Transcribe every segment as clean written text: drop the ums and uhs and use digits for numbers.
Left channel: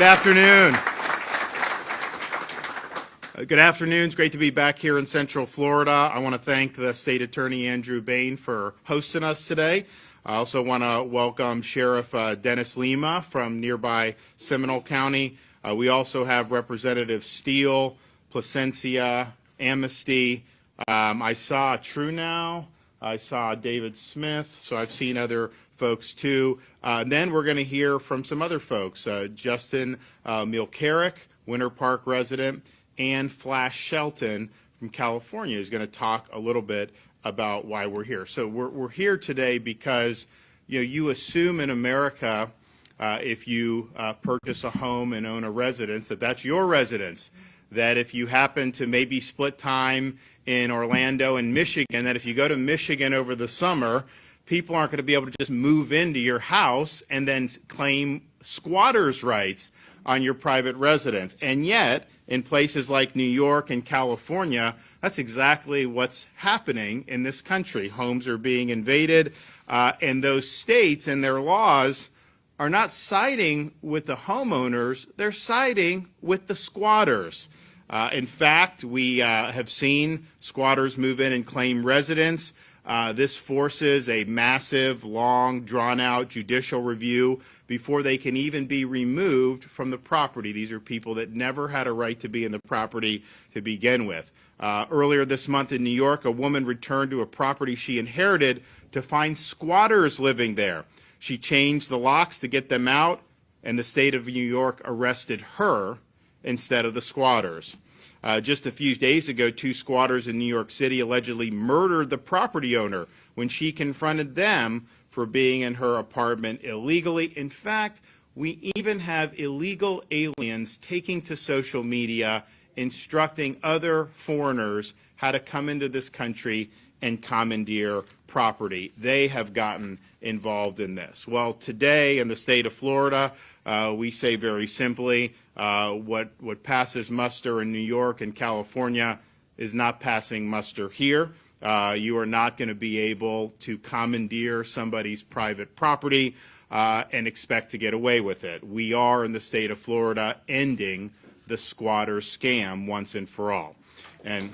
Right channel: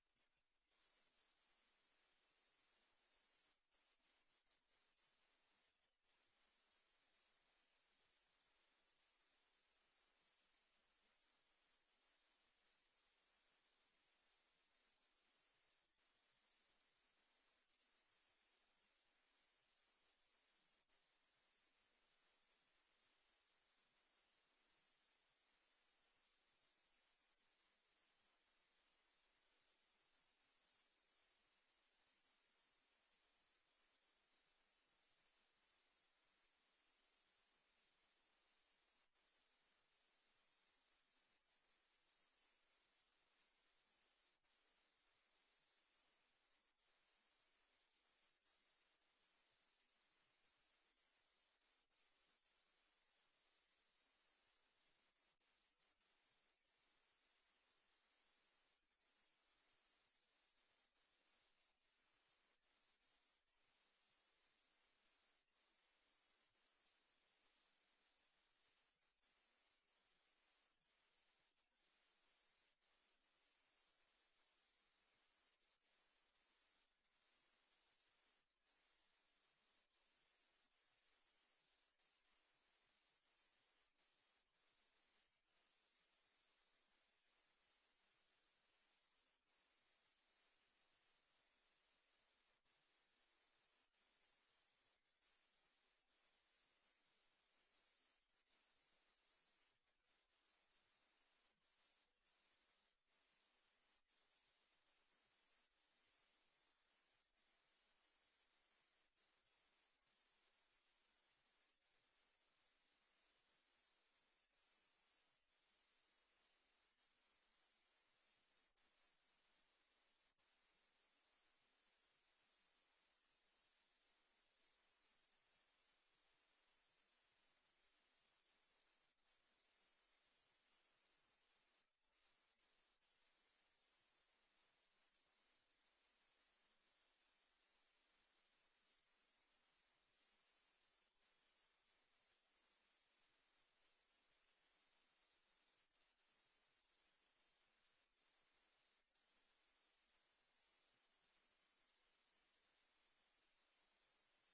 Good afternoon. Good afternoon. It's great to be back here in Central Florida. I want to thank the State Attorney Andrew Bain for hosting us today. I also want to welcome Sheriff Dennis Lima from nearby Seminole County. We also have Representative Steele, Placencia, Amnesty. I saw True Now. I saw David Smith, so I've seen other folks too. Then we're going to hear from some other folks. Justin Milcarrick, Winter Park resident, and Flash Shelton from California is going to talk a little bit about why we're here. So we're here today because you assume in America if you purchase a home and own a residence that's your residence. That if you happen to maybe split time in Orlando and Michigan, that if you go to Michigan over the summer, people aren't going to be able to just move into your house and then claim squatters' rights on your private residence. And yet, in places like New York and California, that's exactly what's happening in this country. Homes are being invaded, and those states and their laws are not siding with the homeowners, they're siding with the squatters. In fact, we have seen squatters move in and claim residence. This forces a massive, long, drawn-out judicial review before they can even be removed from the property. These are people that never had a right to be in the property to begin with. Earlier this month in New York, a woman returned to a property she inherited to find squatters living there. She changed the locks to get them out, and the state of New York arrested her instead of the squatters. Just a few days ago, 2 squatters in New York City allegedly murdered the property owner when she confronted them for being in her apartment illegally. In fact, we even have illegal aliens taking to social media, instructing other foreigners how to come into this country and commandeer property. They have gotten involved in this. Well, today in the state of Florida, we say very simply, what passes muster in New York and California is not passing muster here. You are not going to be able to commandeer somebody's private property and expect to get away with it. We are in the state of Florida ending the squatter scam once and for all. And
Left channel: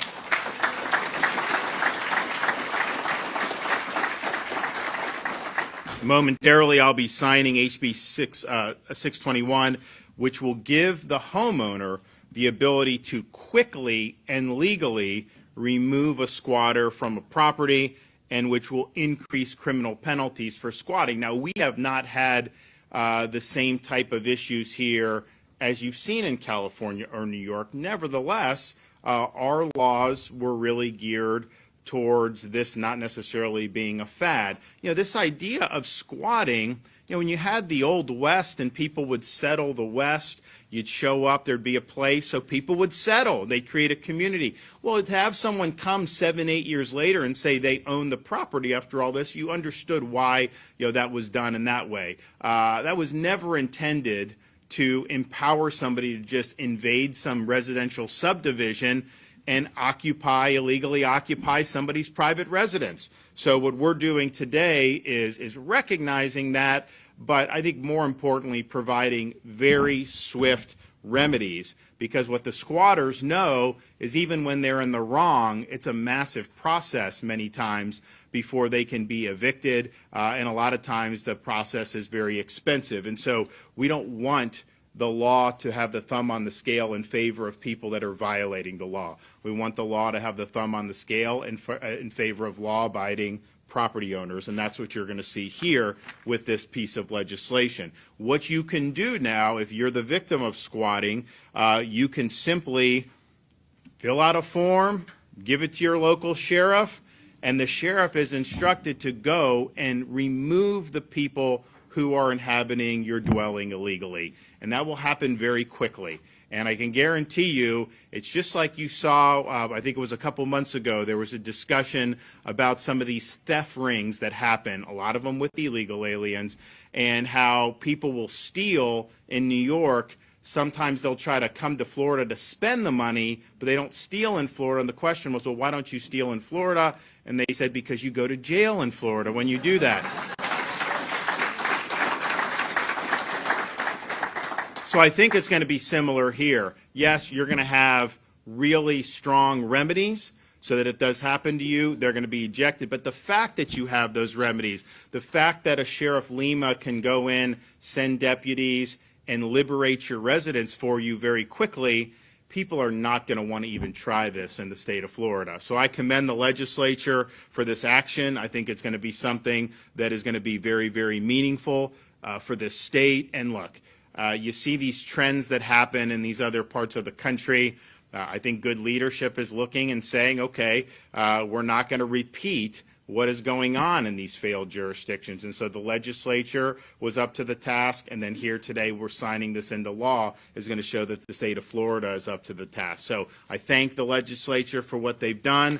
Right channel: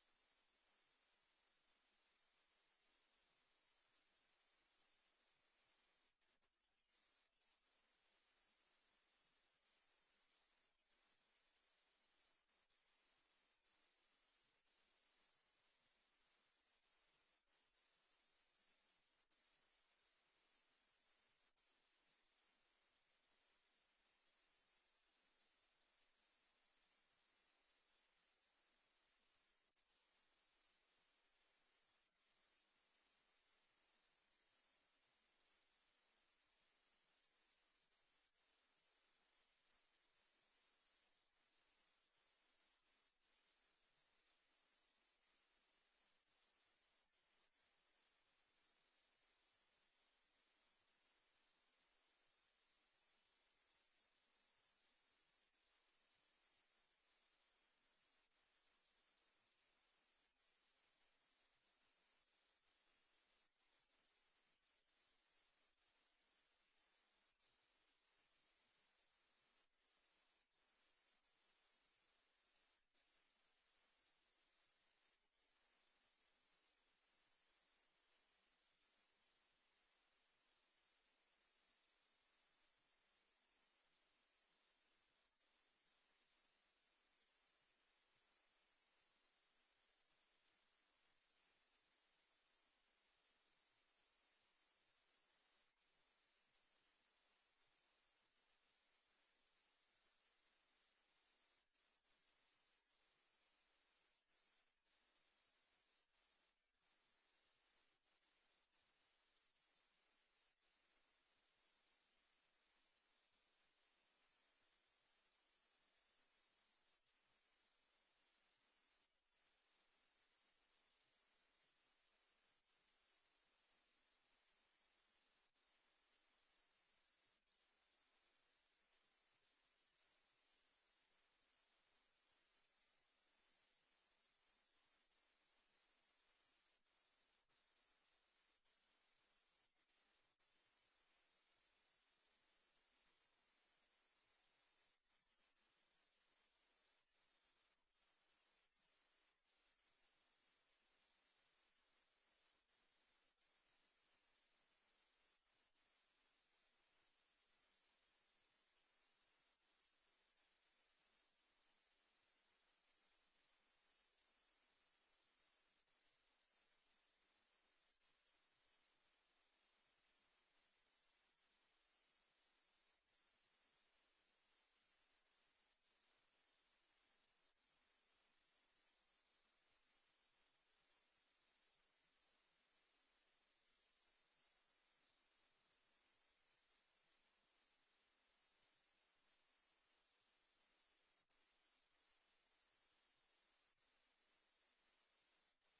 momentarily, I'll be signing HB 621, which will give the homeowner the ability to quickly and legally remove a squatter from a property, and which will increase criminal penalties for squatting. Now, we have not had the same type of issues here as you've seen in California or New York. Nevertheless, our laws were really geared towards this not necessarily being a fad. This idea of squatting, when you had the Old West and people would settle the West, you'd show up, there'd be a place, so people would settle. They'd create a community. Well, to have someone come 7, 8 years later and say they own the property after all this, you understood why that was done in that way. That was never intended to empower somebody to just invade some residential subdivision and illegally occupy somebody's private residence. So what we're doing today is recognizing that, but I think more importantly, providing very swift remedies, because what the squatters know is even when they're in the wrong, it's a massive process many times before they can be evicted, and a lot of times the process is very expensive. And so we don't want the law to have the thumb on the scale in favor of people that are violating the law. We want the law to have the thumb on the scale in favor of law-abiding property owners, and that's what you're going to see here with this piece of legislation. What you can do now, if you're the victim of squatting, you can simply fill out a form, give it to your local sheriff, and the sheriff is instructed to go and remove the people who are inhabiting your dwelling illegally. And that will happen very quickly. And I can guarantee you, it's just like you saw, I think it was a couple months ago, there was a discussion about some of these theft rings that happen, a lot of them with illegal aliens, and how people will steal in New York. Sometimes they'll try to come to Florida to spend the money, but they don't steal in Florida. And the question was, well, why don't you steal in Florida? And they said, because you go to jail in Florida when you do that. So I think it's going to be similar here. Yes, you're going to have really strong remedies so that it does happen to you. They're going to be ejected. But the fact that you have those remedies, the fact that a Sheriff Lima can go in, send deputies, and liberate your residents for you very quickly, people are not going to want to even try this in the state of Florida. So I commend the legislature for this action. I think it's going to be something that is going to be very, very meaningful for this state. And look, you see these trends that happen in these other parts of the country. I think good leadership is looking and saying, okay, we're not going to repeat what is going on in these failed jurisdictions. And so the legislature was up to the task, and then here today we're signing this into law is going to show that the state of Florida is up to the task. So I thank the legislature for what they've done.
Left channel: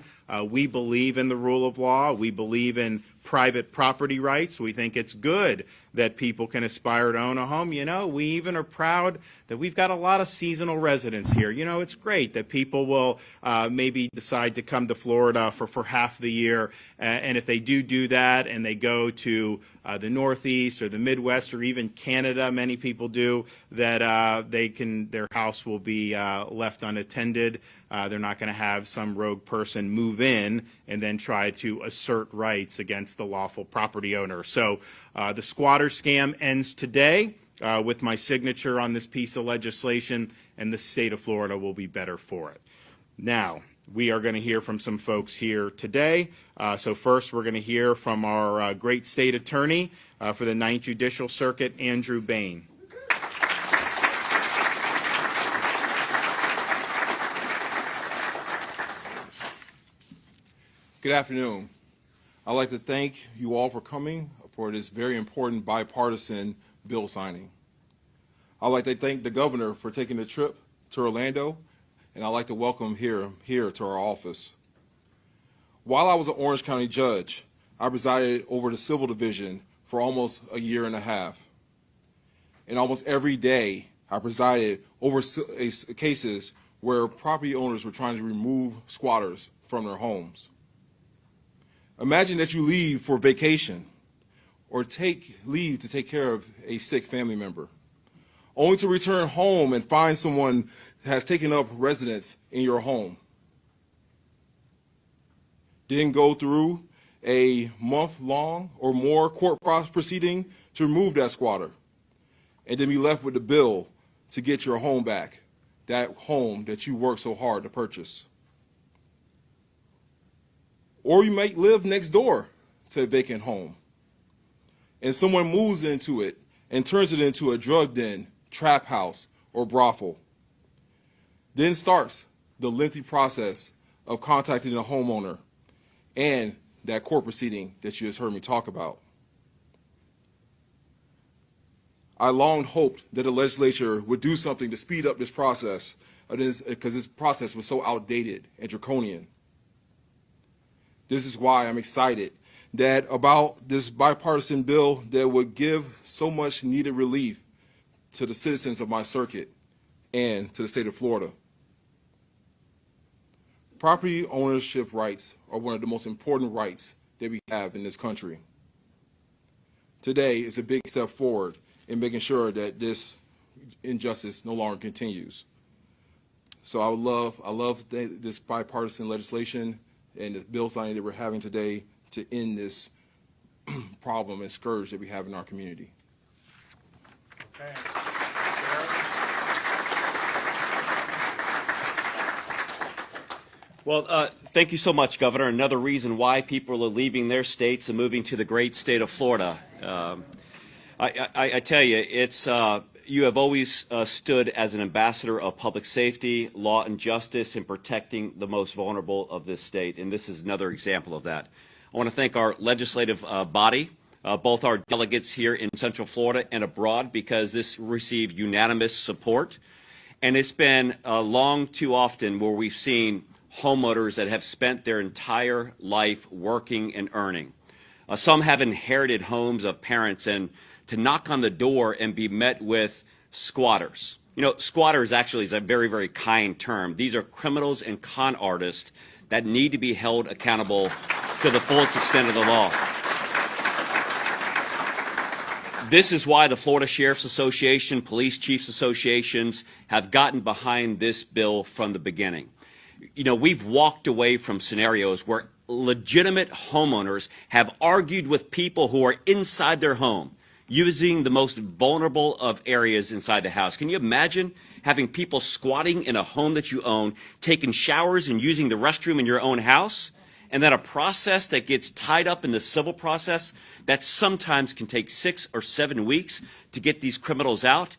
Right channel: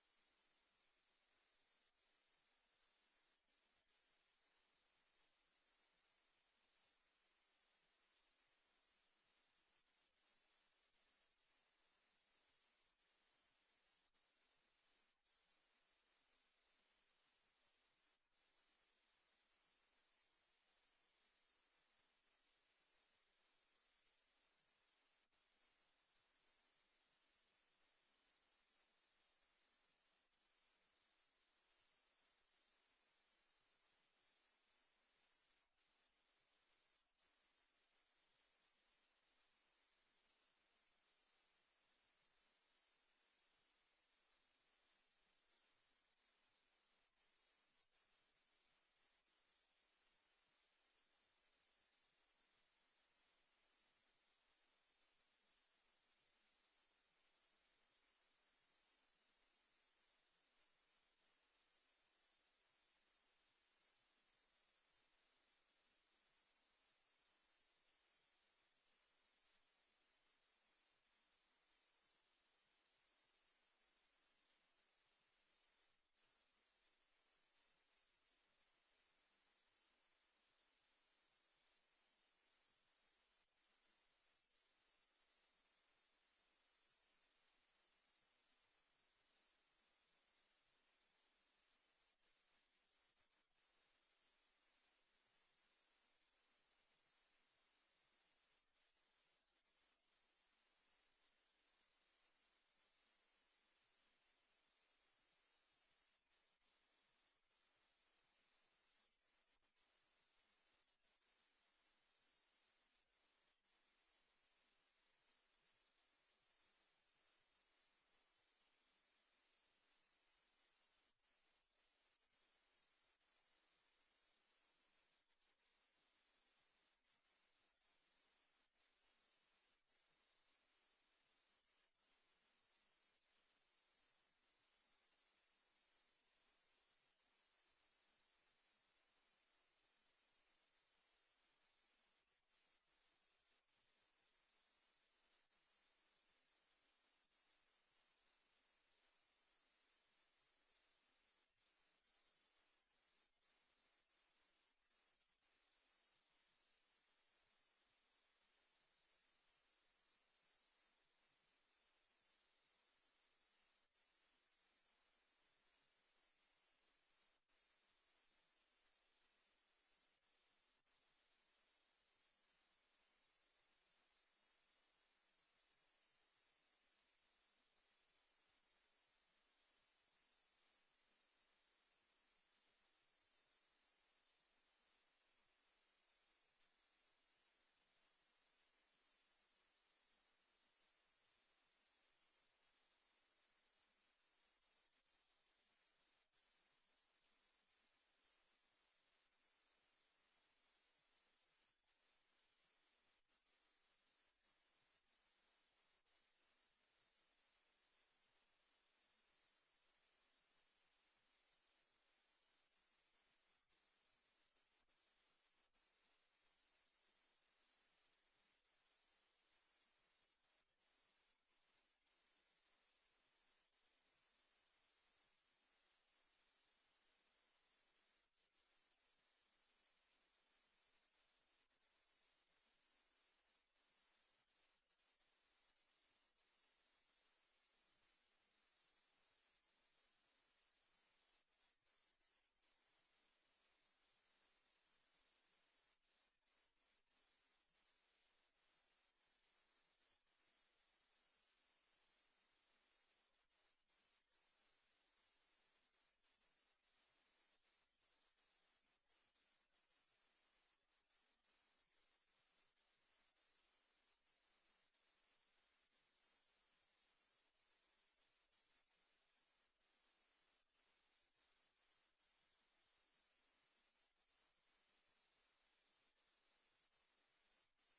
We believe in the rule of law. We believe in private property rights. We think it's good that people can aspire to own a home. You know, we even are proud that we've got a lot of seasonal residents here. You know, it's great that people will maybe decide to come to Florida for half the year. And if they do that and they go to the Northeast or the Midwest or even Canada, many people do, that their house will be left unattended. They're not going to have some rogue person move in and then try to assert rights against the lawful property owner. So the squatter scam ends today with my signature on this piece of legislation, and the state of Florida will be better for it. Now, we are going to hear from some folks here today. So first, we're going to hear from our great state attorney for the 9th Judicial Circuit, Andrew Bain. Good afternoon. I'd like to thank you all for coming for this very important bipartisan bill signing. I'd like to thank the governor for taking the trip to Orlando, and I'd like to welcome him here to our office. While I was an Orange County judge, I presided over the civil division for almost a year and a half. And almost every day, I presided over cases where property owners were trying to remove squatters from their homes. Imagine that you leave for vacation or take leave to take care of a sick family member, only to return home and find someone has taken up residence in your home. Then go through a month-long or more court proceeding to remove that squatter, and then be left with the bill to get your home back, that home that you worked so hard to purchase. Or you might live next door to a vacant home, and someone moves into it and turns it into a drug den, trap house, or brothel. Then starts the lengthy process of contacting the homeowner and that court proceeding that you just heard me talk about. I long hoped that the legislature would do something to speed up this process, because this process was so outdated and draconian. This is why I'm excited about this bipartisan bill that would give so much needed relief to the citizens of my circuit and to the state of Florida. Property ownership rights are one of the most important rights that we have in this country. Today is a big step forward in making sure that this injustice no longer continues. So I love this bipartisan legislation and the bill signing that we're having today to end this problem and scourge that we have in our community. Okay. Well, thank you so much, Governor. Another reason why people are leaving their states and moving to the great state of Florida. I tell you, it's you have always stood as an ambassador of public safety, law and justice, in protecting the most vulnerable of this state, and this is another example of that. I want to thank our legislative body, both our delegates here in Central Florida and abroad, because this received unanimous support. And it's been long too often where we've seen homeowners that have spent their entire life working and earning. Some have inherited homes of parents, and to knock on the door and be met with squatters. You know, squatters actually is a very, very kind term. These are criminals and con artists that need to be held accountable to the fullest extent of the law. This is why the Florida Sheriff's Association, Police Chiefs Associations have gotten behind this bill from the beginning. You know, we've walked away from scenarios where legitimate homeowners have argued with people who are inside their home, using the most vulnerable of areas inside the house. Can you imagine having people squatting in a home that you own, taking showers and using the restroom in your own house? And then a process that gets tied up in the civil process that sometimes can take 6 or 7 weeks to get these criminals out.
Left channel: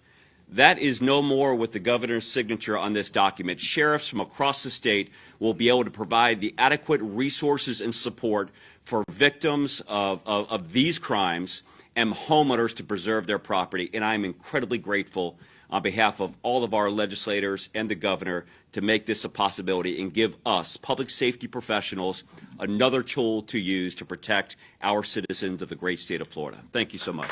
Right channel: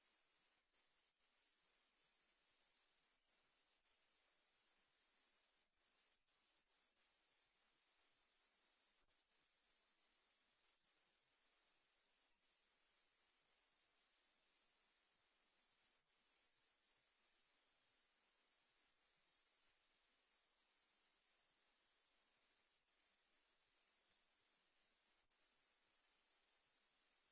That is no more with the governor's signature on this document. Sheriffs from across the state will be able to provide the adequate resources and support for victims of these crimes and homeowners to preserve their property. And I'm incredibly grateful on behalf of all of our legislators and the governor to make this a possibility and give us, public safety professionals, another tool to use to protect our citizens of the great state of Florida. Thank you so much.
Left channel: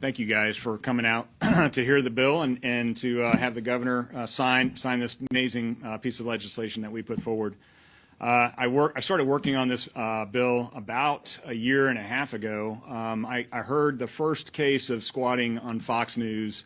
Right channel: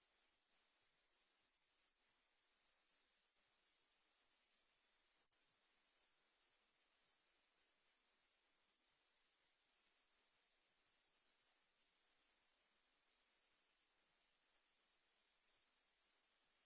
Thank you guys for coming out to hear the bill and to have the governor sign this amazing piece of legislation that we put forward. I started working on this bill about a year and a half ago. I heard the first case of squatting on Fox News,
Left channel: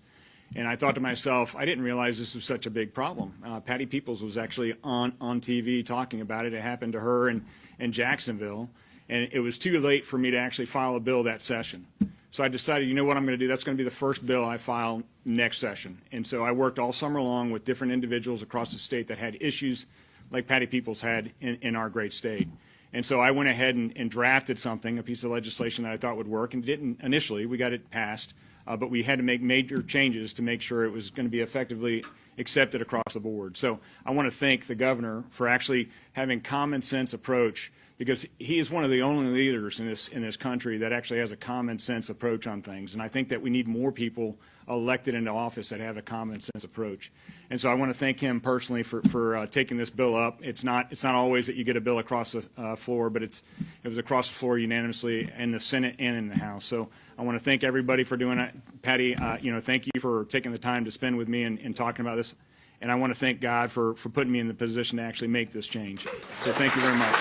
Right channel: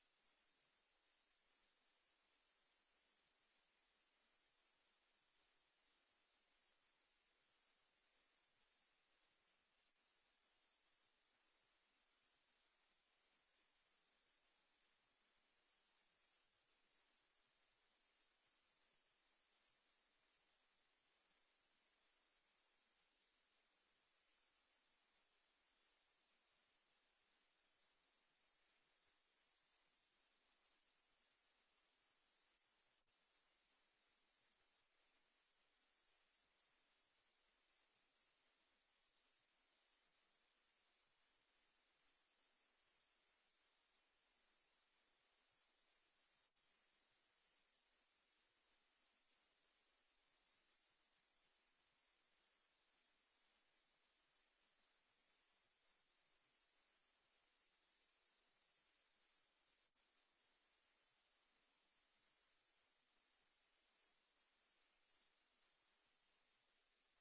and I thought to myself, I didn't realize this was such a big problem. Patty Peoples was actually on TV talking about it. It happened to her in Jacksonville, and it was too late for me to actually file a bill that session. So I decided, you know what I'm going to do? That's going to be the first bill I file next session. And so I worked all summer long with different individuals across the state that had issues like Patty Peoples had in our great state. And so I went ahead and drafted something, a piece of legislation that I thought would work, and didn't initially. We got it passed, but we had to make major changes to make sure it was going to be effectively accepted across the board. So I want to thank the governor for actually having common sense approach, because he is one of the only leaders in this country that actually has a common sense approach on things. And I think that we need more people elected into office that have a common sense approach. And so I want to thank him personally for taking this bill up. It's not always that you get a bill across the floor, but it was across the floor unanimously in the Senate and in the House. So I want to thank everybody for doing that. Patty, thank you for taking the time to spend with me and talking about this. And I want to thank God for putting me in the position to actually make this change. So thank you very much.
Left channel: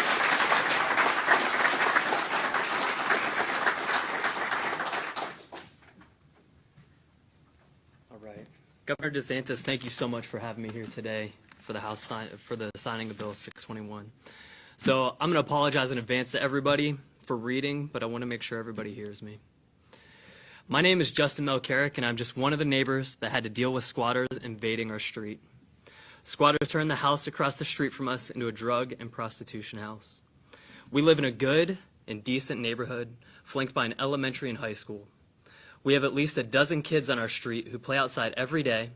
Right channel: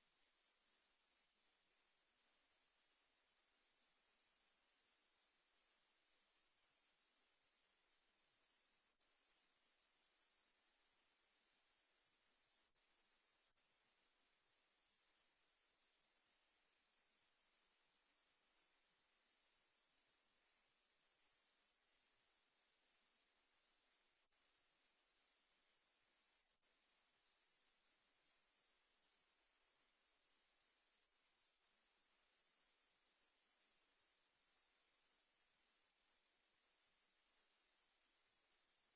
Governor DeSantis, thank you so much for having me here today for the signing of Bill 621. So I'm going to apologize in advance to everybody for reading, but I want to make sure everybody hears me. My name is Justin Melcarrick, and I'm just one of the neighbors that had to deal with squatters invading our street. Squatters turned the house across the street from us into a drug and prostitution house. We live in a good and decent neighborhood flanked by an elementary and high school. We have at least a dozen kids on our street who play outside every day,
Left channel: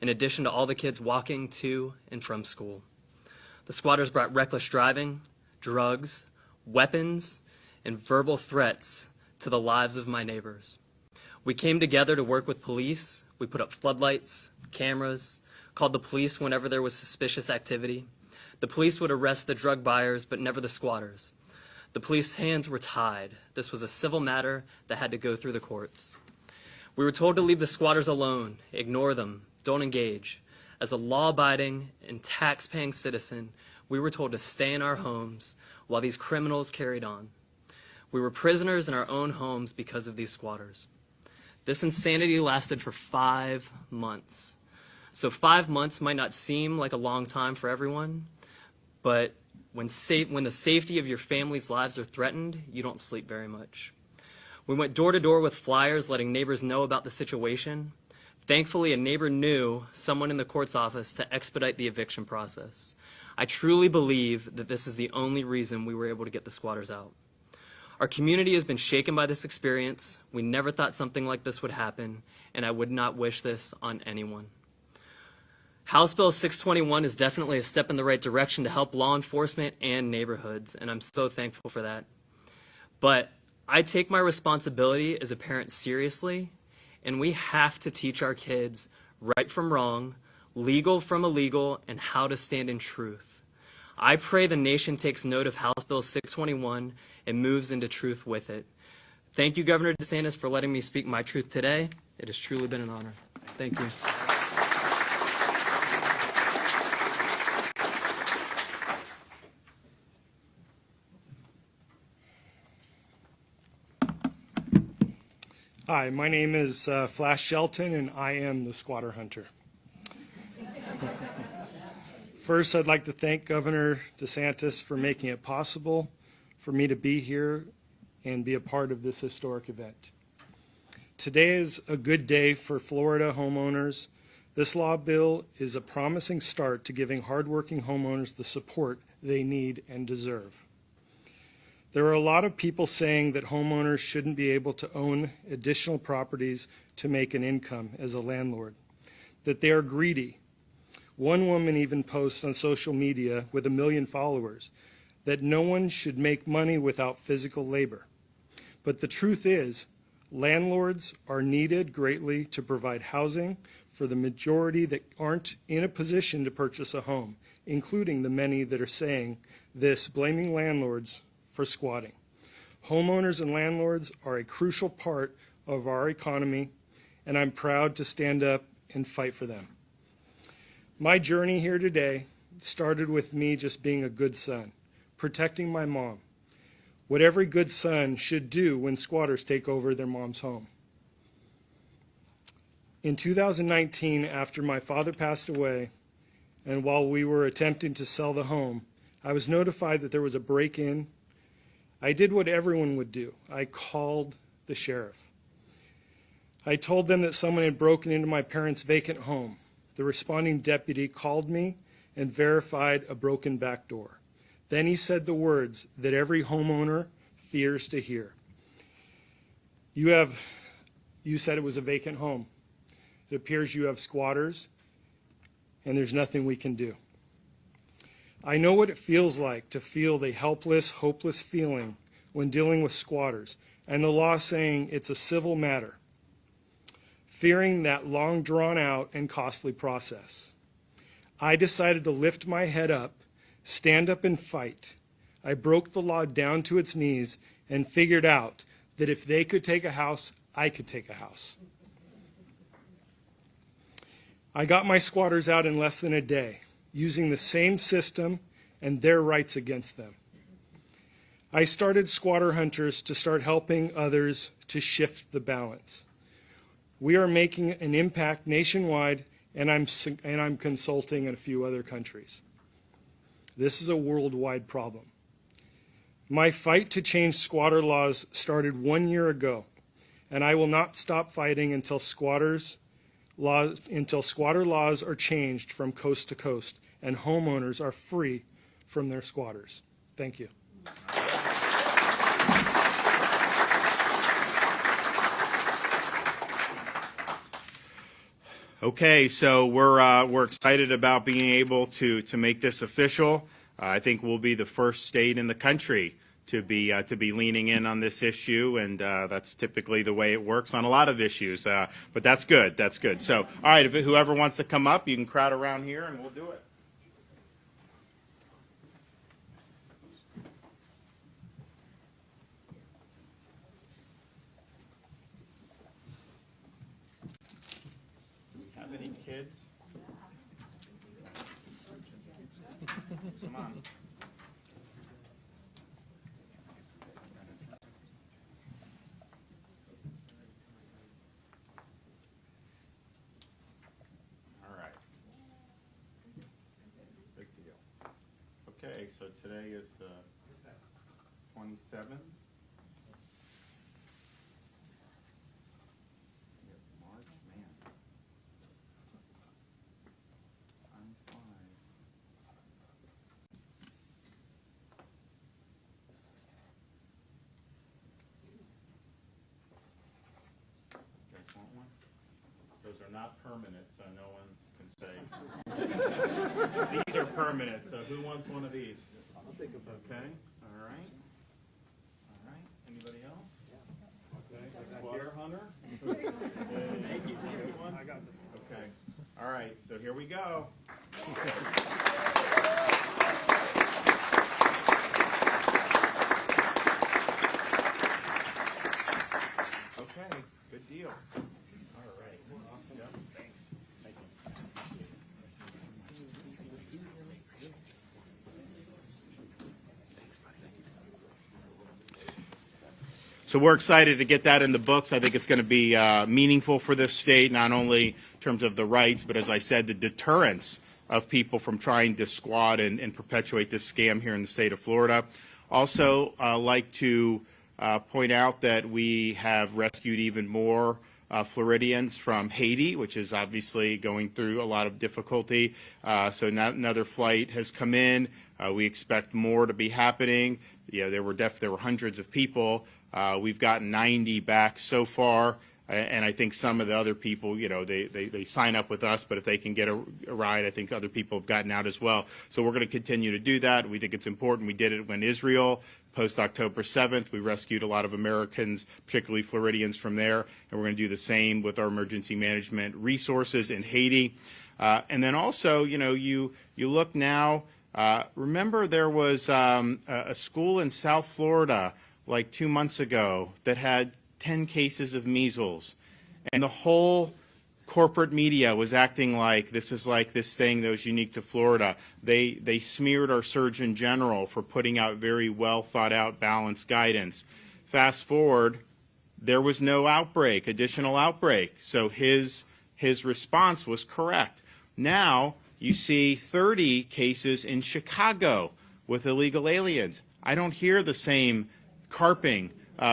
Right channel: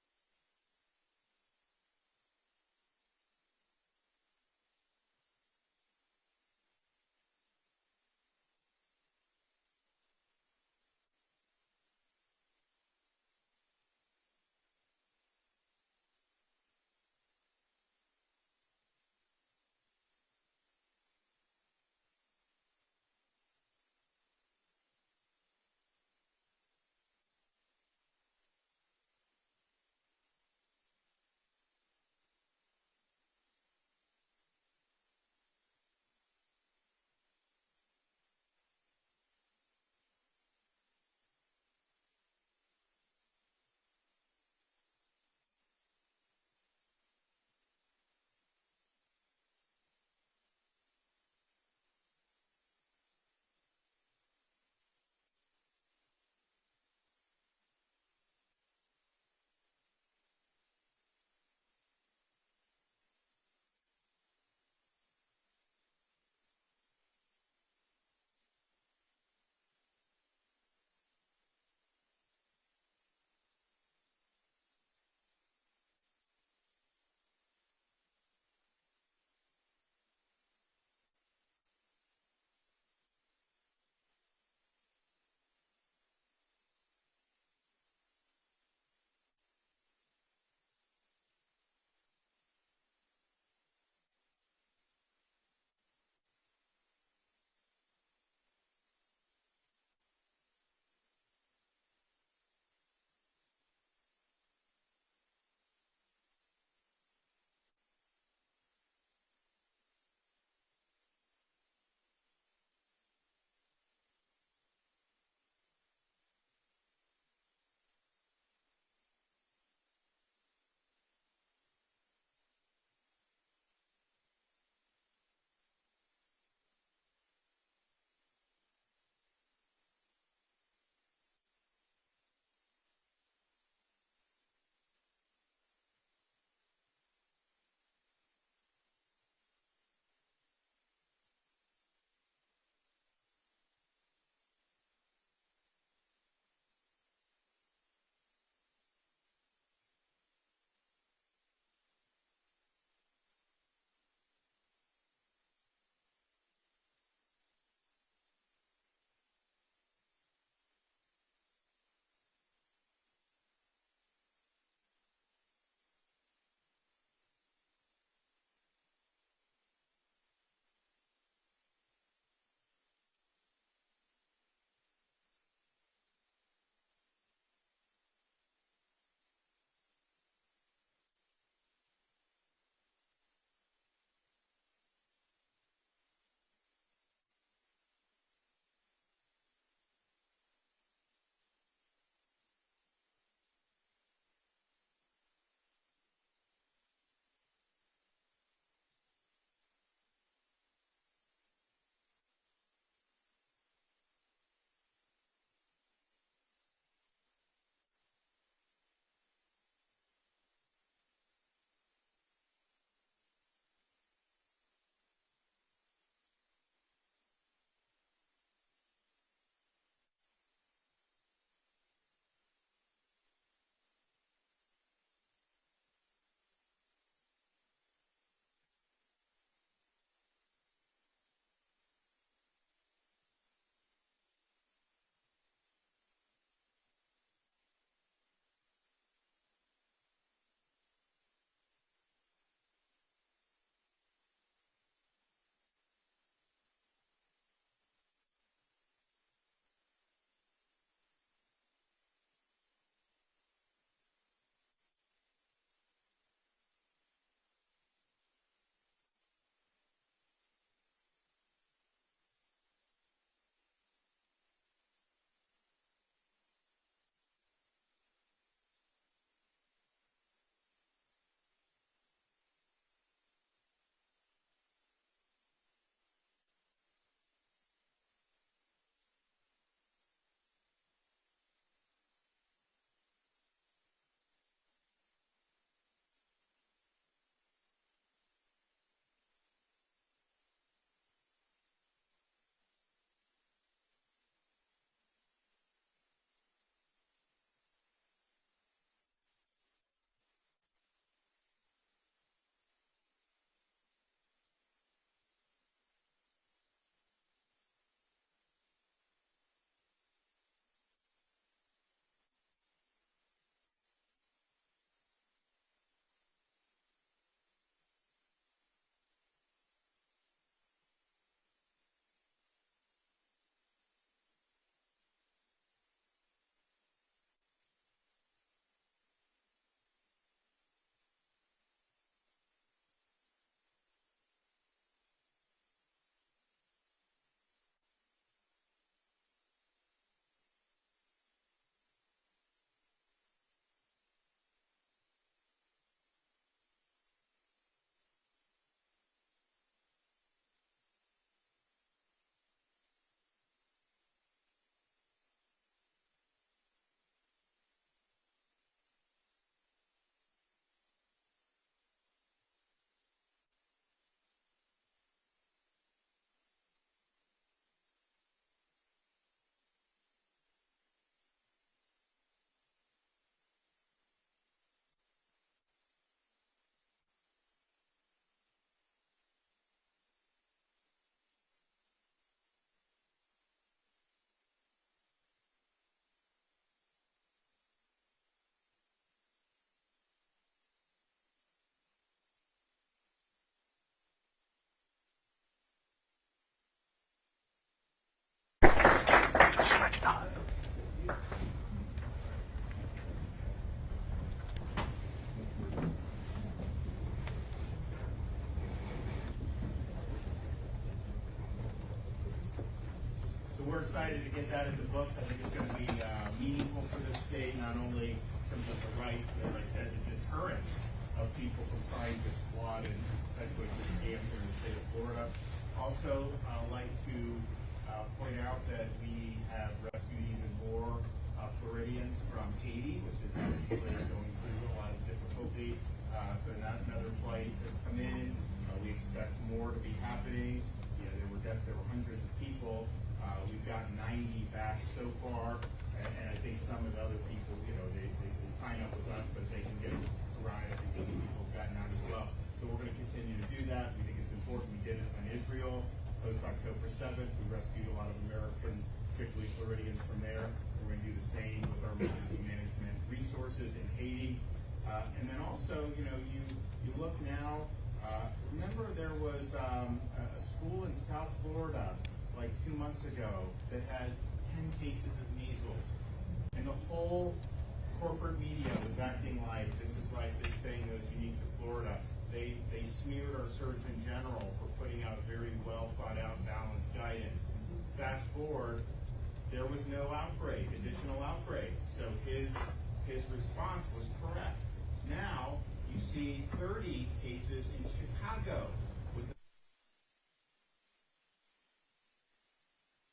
in addition to all the kids walking to and from school. The squatters brought reckless driving, drugs, weapons, and verbal threats to the lives of my neighbors. We came together to work with police. We put up floodlights, cameras, called the police whenever there was suspicious activity. The police would arrest the drug buyers, but never the squatters. The police's hands were tied. This was a civil matter that had to go through the courts. We were told to leave the squatters alone, ignore them, don't engage. As a law-abiding and tax-paying citizen, we were told to stay in our homes while these criminals carried on. We were prisoners in our own homes because of these squatters. This insanity lasted for 5 months. So 5 months might not seem like a long time for everyone, but when the safety of your family's lives are threatened, you don't sleep very much. We went door to door with flyers letting neighbors know about the situation. Thankfully, a neighbor knew someone in the court's office to expedite the eviction process. I truly believe that this is the only reason we were able to get the squatters out. Our community has been shaken by this experience. We never thought something like this would happen, and I would not wish this on anyone. House Bill 621 is definitely a step in the right direction to help law enforcement and neighborhoods, and I'm so thankful for that. But I take my responsibility as a parent seriously, and we have to teach our kids right from wrong, legal from illegal, and how to stand in truth. I pray the nation takes note of House Bill 621 and moves into truth with it. Thank you, Governor DeSantis, for letting me speak my truth today. It has truly been an honor. Thank you. Hi, my name is Flash Shelton, and I am the squatter hunter. First, I'd like to thank Governor DeSantis for making it possible for me to be here and be a part of this historic event. Today is a good day for Florida homeowners. This law bill is a promising start to giving hardworking homeowners the support they need and deserve. There are a lot of people saying that homeowners shouldn't be able to own additional properties to make an income as a landlord, that they are greedy. One woman even posts on social media with 1 million followers that no one should make money without physical labor. But the truth is, landlords are needed greatly to provide housing for the majority that aren't in a position to purchase a home, including the many that are saying this, blaming landlords for squatting. Homeowners and landlords are a crucial part of our economy, and I'm proud to stand up and fight for them. My journey here today started with me just being a good son, protecting my mom, what every good son should do when squatters take over their mom's home. In 2019, after my father passed away, and while we were attempting to sell the home, I was notified that there was a break-in. I did what everyone would do. I called the sheriff. I told them that someone had broken into my parents' vacant home. The responding deputy called me and verified a broken back door. Then he said the words that every homeowner fears to hear. You said it was a vacant home. It appears you have squatters, and there's nothing we can do. I know what it feels like to feel the helpless, hopeless feeling when dealing with squatters, and the law saying it's a civil matter, fearing that long drawn out and costly process. I decided to lift my head up, stand up and fight. I broke the law down to its knees and figured out that if they could take a house, I could take a house. I got my squatters out in less than a day, using the same system and their rights against them. I started Squatter Hunters to start helping others to shift the balance. We are making an impact nationwide, and I'm consulting in a few other countries. This is a worldwide problem. My fight to change squatter laws started 1 year ago, and I will not stop fighting until squatter laws are changed from coast to coast and homeowners are free from their squatters. Thank you. Okay, so we're excited about being able to make this official. I think we'll be the first state in the country to be leaning in on this issue, and that's typically the way it works on a lot of issues. But that's good. That's good. So, all right, if whoever wants to come up, you can crowd around here, and we'll do it. Do we have any kids? Come on. All right. Big deal. Okay, so today is the 27th. March, man. Time flies. You guys want one? Those are not permanent, so no one can say. These are permanent, so who wants one of these? I'll take a vote. Okay, all right. All right, anybody else? Okay, Squatter Hunter? Thank you. I got them. Okay, all right, so here we go. Good deal. So we're excited to get that in the books. I think it's going to be meaningful for this state, not only in terms of the rights, but as I said, the deterrence of people from trying to squat and perpetuate this scam here in the state of Florida. Also, like to point out that we have rescued even more Floridians from Haiti, which is obviously going through a lot of difficulty. So another flight has come in. We expect more to be happening. There were hundreds of people. We've gotten 90 back so far, and I think some of the other people, they sign up with us, but if they can get a ride, I think other people have gotten out as well. So we're going to continue to do that. We think it's important. We did it when Israel, post-October 7th. We rescued a lot of Americans, particularly Floridians, from there, and we're going to do the same with our emergency management resources in Haiti. And then also, you look now, remember there was a school in South Florida like 2 months ago that had 10 cases of measles, and the whole corporate media was acting like this was like this thing that was unique to Florida. They smeared our Surgeon General for putting out very well thought out, balanced guidance. Fast forward, there was no additional outbreak, so his response was correct. Now you see 30 cases in Chicago with illegal aliens. I don't hear the same carping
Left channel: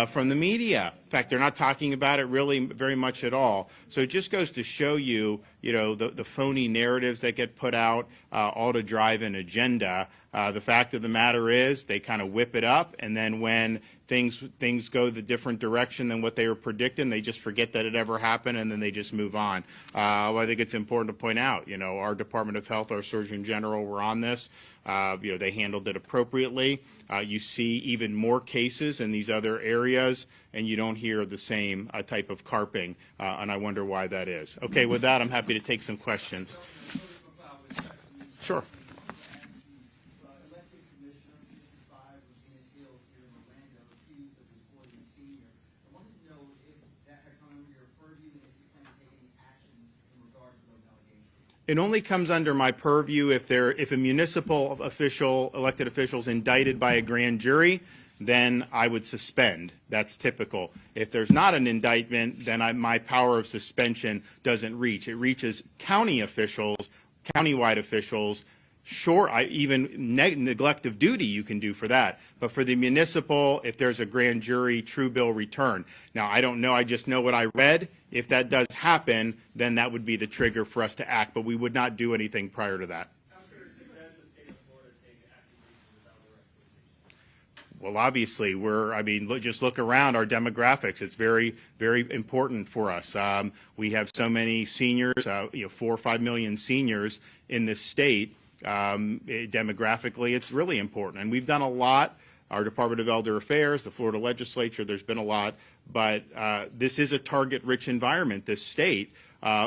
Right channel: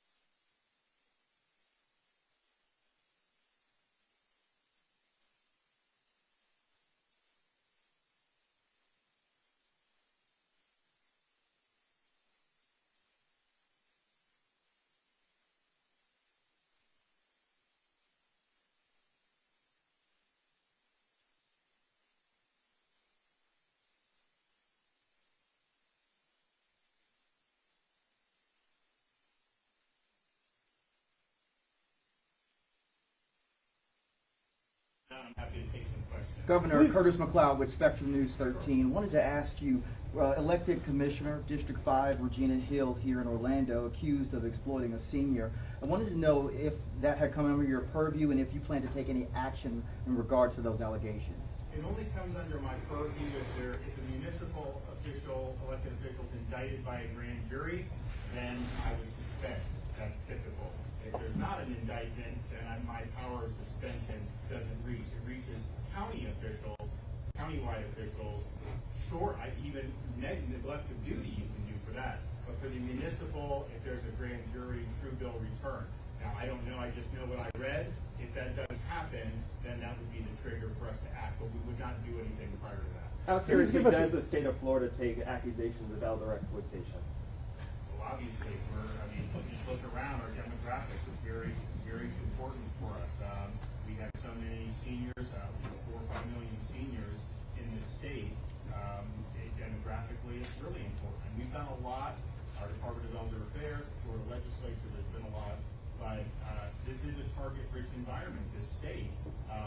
from the media. In fact, they're not talking about it really very much at all. So it just goes to show you, the phony narratives that get put out, all to drive an agenda. The fact of the matter is they kind of whip it up, and then when things go the different direction than what they were predicting, they just forget that it ever happened, and then they just move on. Well, I think it's important to point out, our Department of Health, our Surgeon General were on this. They handled it appropriately. You see even more cases in these other areas, and you don't hear the same type of carping, and I wonder why that is. Okay, with that, I'm happy to take some questions. Governor Curtis McLeod with Spectrum News 13. Sure. Wanted to ask you, elected Commissioner, District 5, Regina Hill here in Orlando, accused of exploiting a senior. I wanted to know if that had come under your purview and if you plan to take any action in regards to those allegations. It only comes under my purview if a municipal official, elected official, is indicted by a grand jury, then I would suspend. That's typical. If there's not an indictment, then my power of suspension doesn't reach. It reaches county officials, countywide officials. Sure, even neglect of duty you can do for that. But for the municipal, if there's a grand jury, true bill return. Now, I don't know. I just know what I read. If that does happen, then that would be the trigger for us to act. But we would not do anything prior to that. How seriously does the state of Florida take accusations of elder exploitation? Well, obviously, just look around our demographics. It's very, very important for us. We have so many seniors, 4 or 5 million seniors in this state. Demographically, it's really important. And we've done a lot. Our Department of Elder Affairs, the Florida legislature, there's been a lot. But this is a target-rich environment, this state,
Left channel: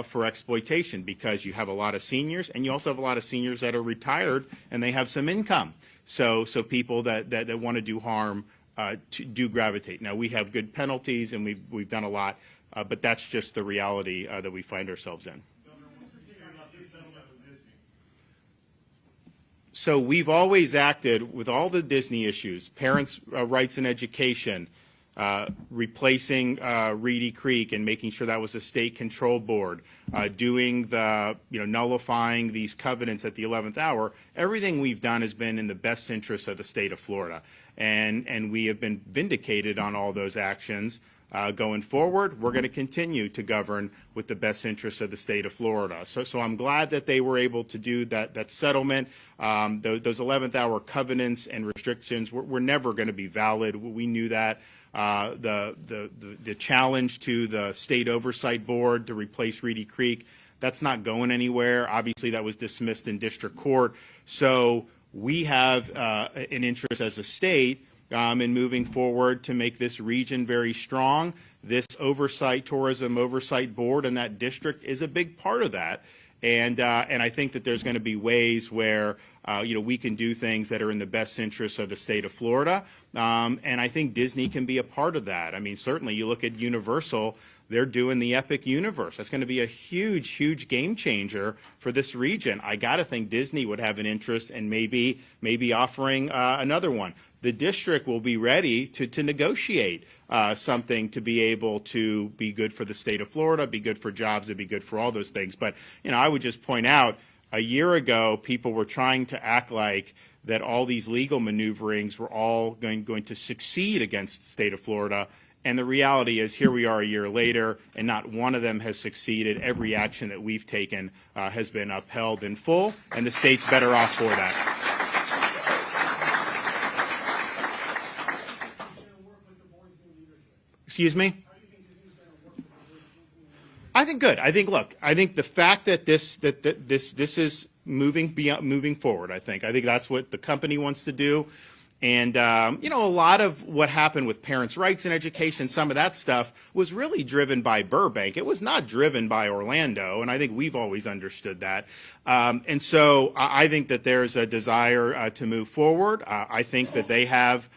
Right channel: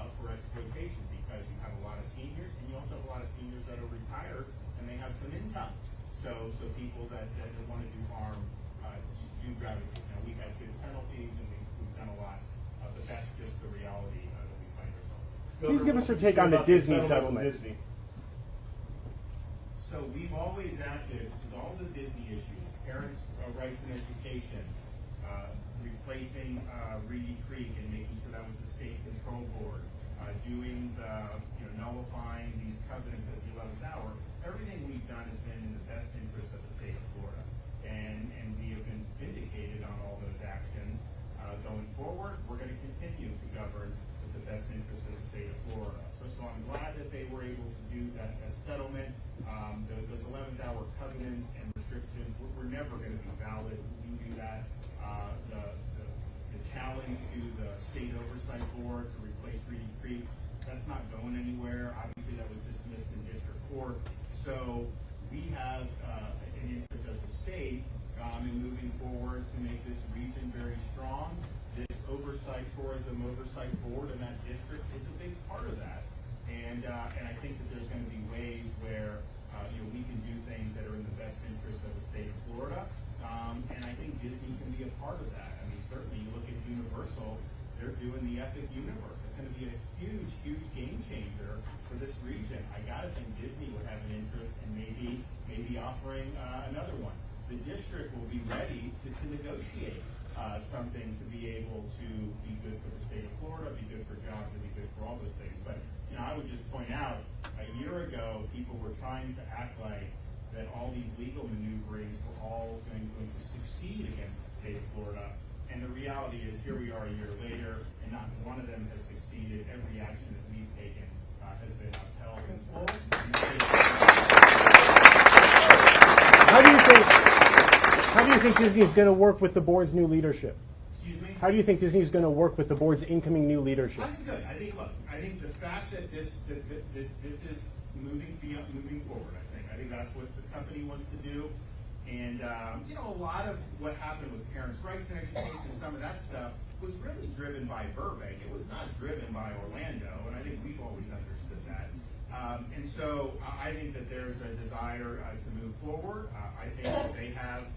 for exploitation, because you have a lot of seniors, and you also have a lot of seniors that are retired, and they have some income. So people that want to do harm do gravitate. Now, we have good penalties, and we've done a lot, but that's just the reality that we find ourselves in. Please give us your take on the Disney settlement. So we've always acted with all the Disney issues, parents' rights in education, replacing Reedy Creek and making sure that was a state control board, doing the, nullifying these covenants at the 11th hour. Everything we've done has been in the best interest of the state of Florida. And we have been vindicated on all those actions. Going forward, we're going to continue to govern with the best interests of the state of Florida. So I'm glad that they were able to do that settlement. Those 11th hour covenants and restrictions were never going to be valid. We knew that. The challenge to the state oversight board to replace Reedy Creek, that's not going anywhere. Obviously, that was dismissed in district court. So we have an interest as a state in moving forward to make this region very strong. This tourism oversight board in that district is a big part of that. And I think that there's going to be ways where we can do things that are in the best interests of the state of Florida. And I think Disney can be a part of that. I mean, certainly you look at Universal, they're doing the Epic Universe. That's going to be a huge, huge game changer for this region. I got to think Disney would have an interest in maybe offering another one. the district will be ready to negotiate something to be able to be good for the state of Florida, be good for jobs, and be good for all those things. But, I would just point out, a year ago, people were trying to act like that all these legal maneuverings were all going to succeed against the state of Florida. And the reality is, here we are a year later, and not one of them has succeeded. Every action that we've taken has been upheld in full, and the state's better off for it. How do you think Disney is going to work with the board's new leadership? Excuse me? How do you think Disney is going to work with the board's incoming new leadership? I think good. I think the fact that this is moving forward. I think that's what the company wants to do. And, a lot of what happened with parents' rights in education, some of that stuff was really driven by Burbank. It was not driven by Orlando, and I think we've always understood that. And so I think that there's a desire to move forward. I think that they have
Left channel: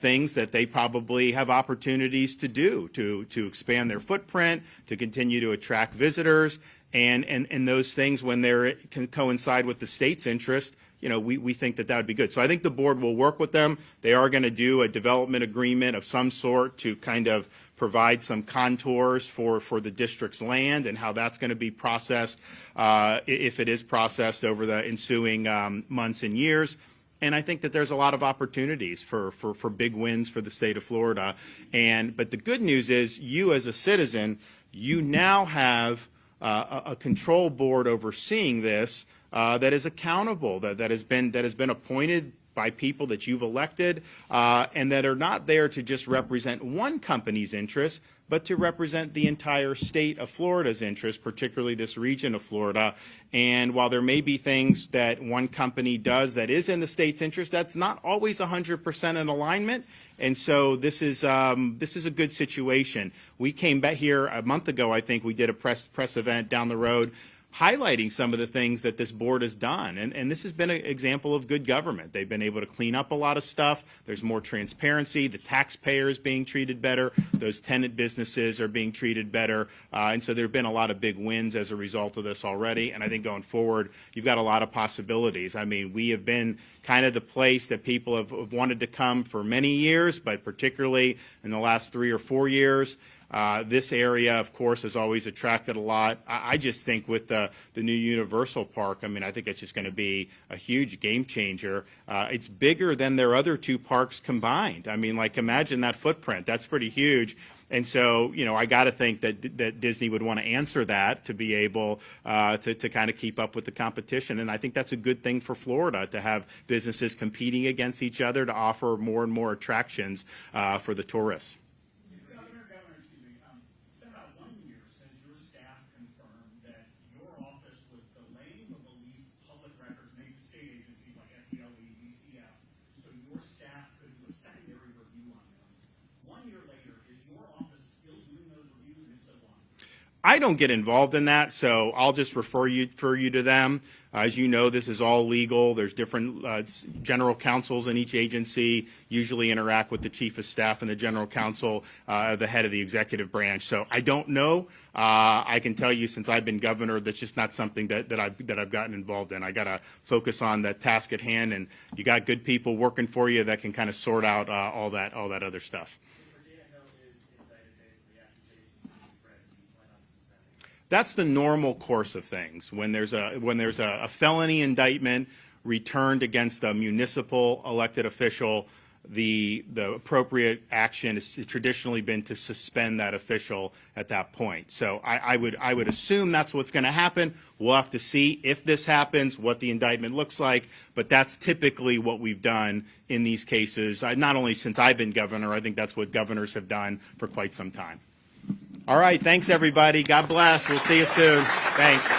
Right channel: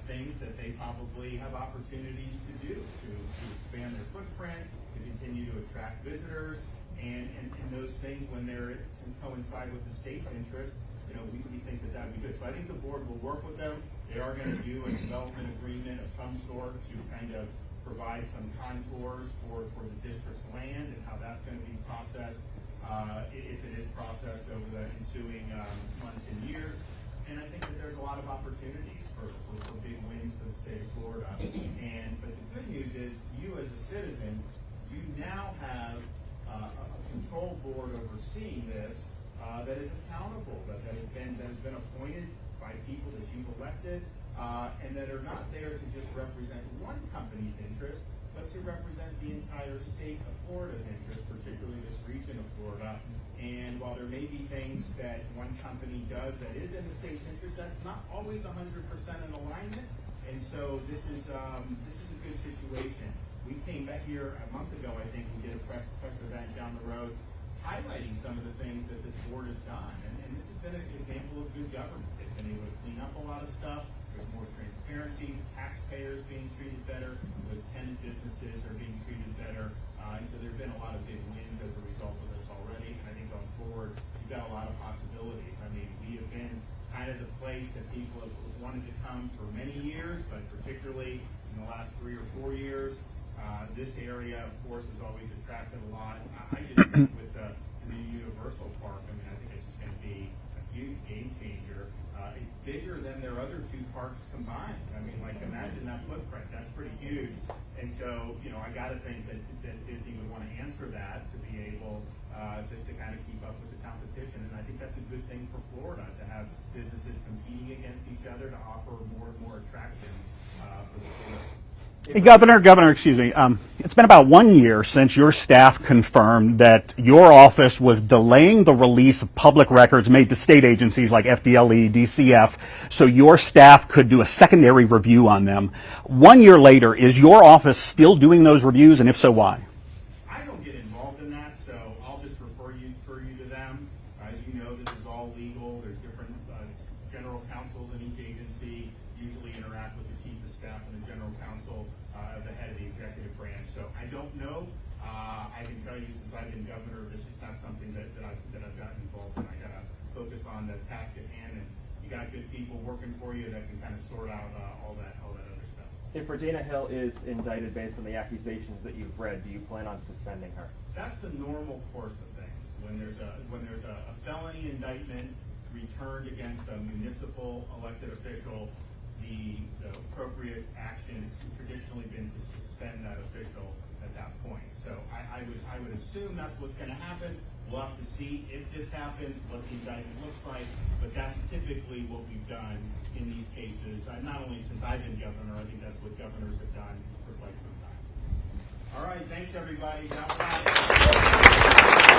things that they probably have opportunities to do to expand their footprint, to continue to attract visitors, and those things, when they can coincide with the state's interest, we think that would be good. So I think the board will work with them. They are going to do a development agreement of some sort to kind of provide some contours for the district's land and how that's going to be processed, if it is processed over the ensuing months and years. And I think that there's a lot of opportunities for big wins for the state of Florida. But the good news is, you as a citizen, you now have a control board overseeing this that is accountable, that has been appointed by people that you've elected, and that are not there to just represent one company's interests, but to represent the entire state of Florida's interests, particularly this region of Florida. And while there may be things that one company does that is in the state's interest, that's not always 100% in alignment. And so this is a good situation. We came back here a month ago. I think we did a press event down the road, highlighting some of the things that this board has done. And this has been an example of good government. They've been able to clean up a lot of stuff. There's more transparency. The taxpayer is being treated better. Those tenant businesses are being treated better. And so there have been a lot of big wins as a result of this already. And I think going forward, you've got a lot of possibilities. I mean, we have been kind of the place that people have wanted to come for many years, but particularly in the last 3 or 4 years. This area, of course, has always attracted a lot. I just think with the new Universal Park, I mean, I think it's just going to be a huge game changer. It's bigger than their other 2 parks combined. I mean, like, imagine that footprint. That's pretty huge. And so, I got to think that Disney would want to answer that to be able to kind of keep up with the competition. And I think that's a good thing for Florida, to have businesses competing against each other to offer more and more attractions for the tourists. Hey, Governor, excuse me. It's been about 1 year since your staff confirmed that your office was delaying the release of public records made to state agencies like FDLE, DCF, so your staff could do a secondary review on them. 1 year later, is your office still doing those reviews, and if so, why? I don't get involved in that, so I'll just refer you to them. As you know, this is all legal. There's different general counsels in each agency, usually interact with the chief of staff and the general counsel, the head of the executive branch. So I don't know. I can tell you, since I've been governor, that's just not something that I've gotten involved in. I got to focus on the task at hand, and you got good people working for you that can kind of sort out all that other stuff. If Regina Hill is indicted based on the accusations that you've read, do you plan on suspending her? That's the normal course of things. When there's a felony indictment returned against a municipal elected official, the appropriate action has traditionally been to suspend that official at that point. So I would assume that's what's going to happen. We'll have to see if this happens, what the indictment looks like, but that's typically what we've done in these cases. Not only since I've been governor, I think that's what governors have done for quite some time. All right, thanks everybody. God bless. We'll see you soon. Thanks.